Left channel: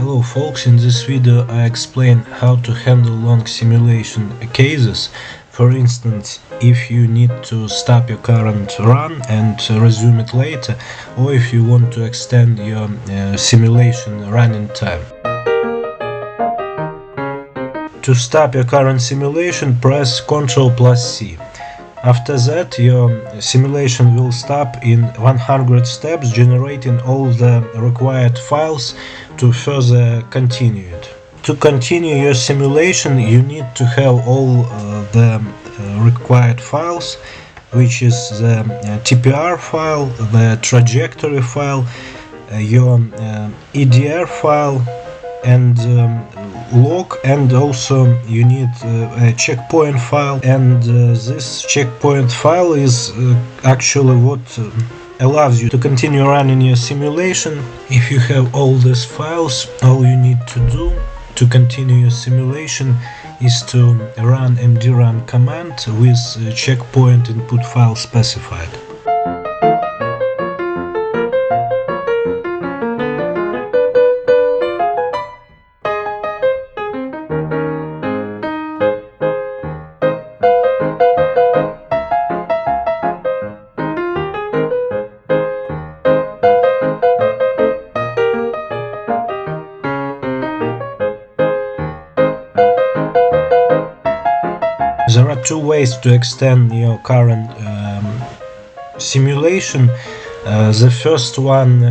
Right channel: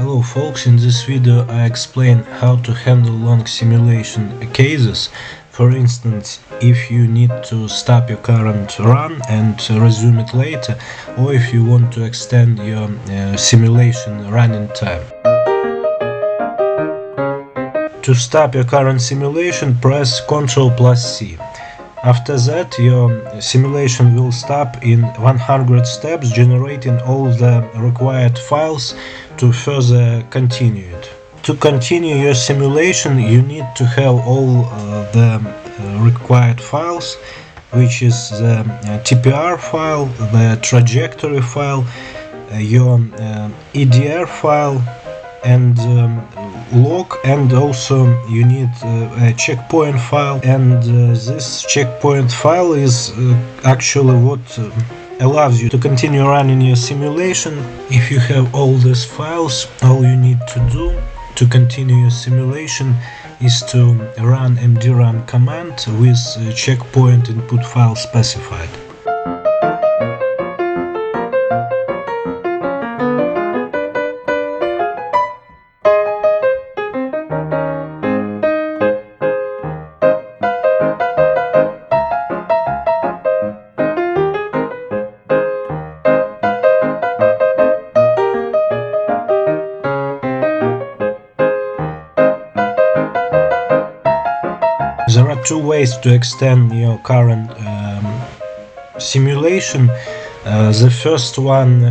Hello folks, in this video I explain how to handle long simulation cases. For instance, if you need to stop your current run and resume it later, or if you want to extend your simulation running time. To stop your current simulation, press Ctrl+C. After that, your simulation will stop in 100 steps, generating all the required files to further continue it. To continue your simulation, you need to have all the required files, which is the TPR file, the trajectory file, your EDR file, and log, and also you need a checkpoint file, and this checkpoint file is actually what allows you to continue running your simulation. If you have all these files, all you need to do to continue your simulation is to run mdraun command with checkpoint input file specified. There are two ways to extend your current simulation. The first one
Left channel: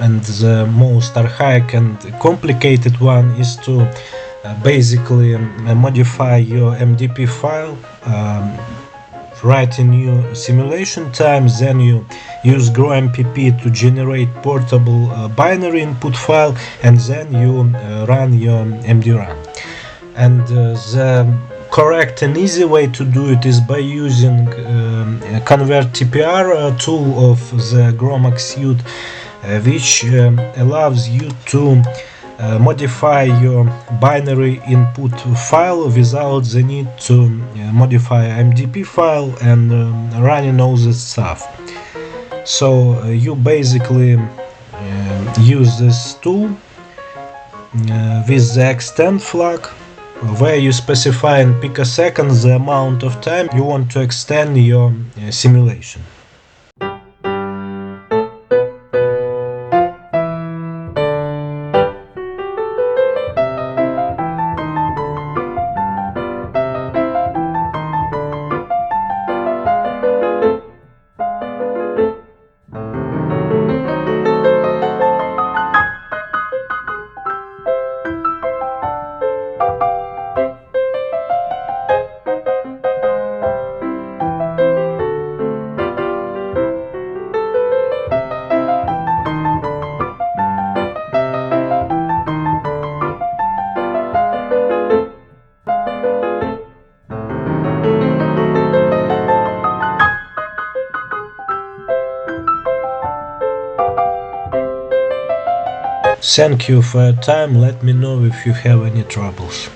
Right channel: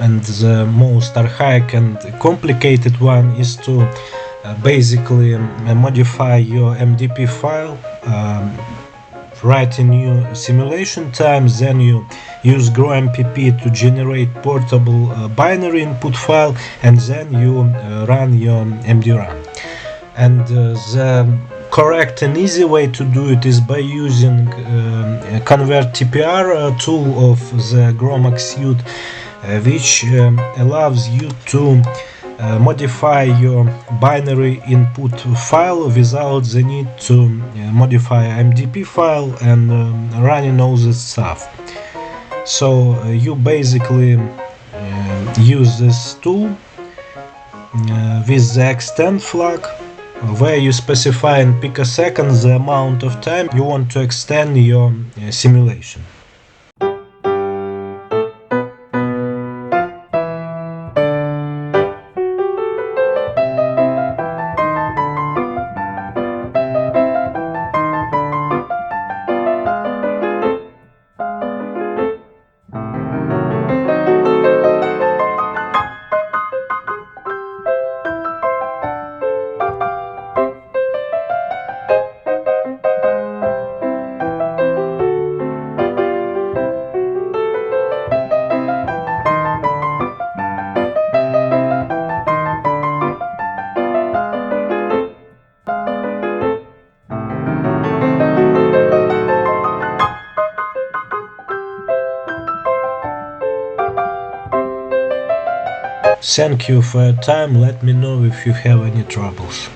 and the most archaic and complicated one is to basically modify your MDP file, write a new simulation time, then you use GROMACS to generate portable binary input file, and then you run your mdraun. And the correct and easy way to do it is by using convert-tpr tool of the GROMACS suite, which allows you to modify your binary input file without the need to modify MDP file and running all this stuff. So you basically use this tool with the extend flag, where you specify in picoseconds the amount of time you want to extend your simulation. Thank you for your time. Let me know if you have any troubles.